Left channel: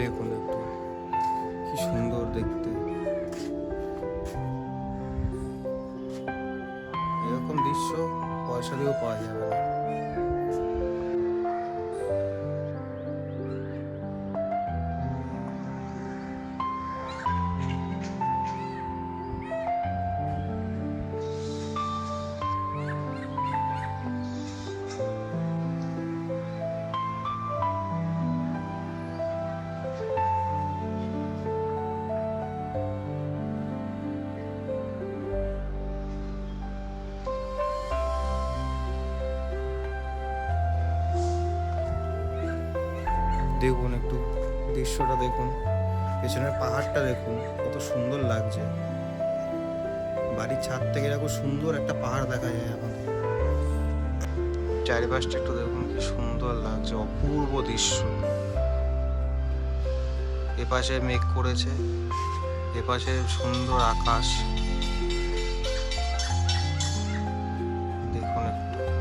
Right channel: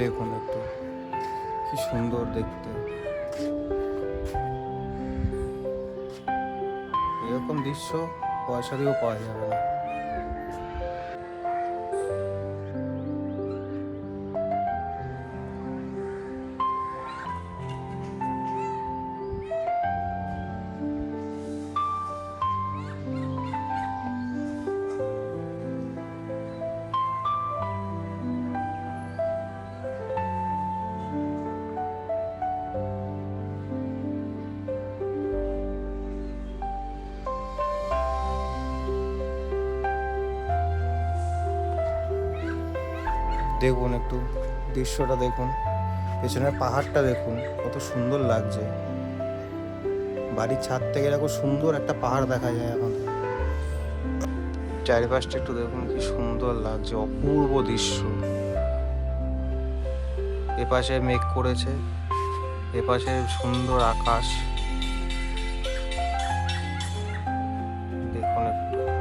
দেখুন একটু। কি সুন্দর দেখতে। এরকম দৃশ্য পয়সা দিয়েও পাওয়া যাবে না। দেখুন, একটু দৃশ্যটা দেখুন। পেছনের পাহাড়টা দেখুন, কত সুন্দর লাগছে। বাড়ির ছাদ থেকে এরকম সুন্দর একটা পাহাড় দেখা যায় এখন। চারিপাশটা একটু দেখুন, কি সুন্দর লাগছে, অপূর্ব দৃশ্য। এপাশে মেঘ করেছে, এপাশে সুন্দর আকাশ। দেখুন একটু।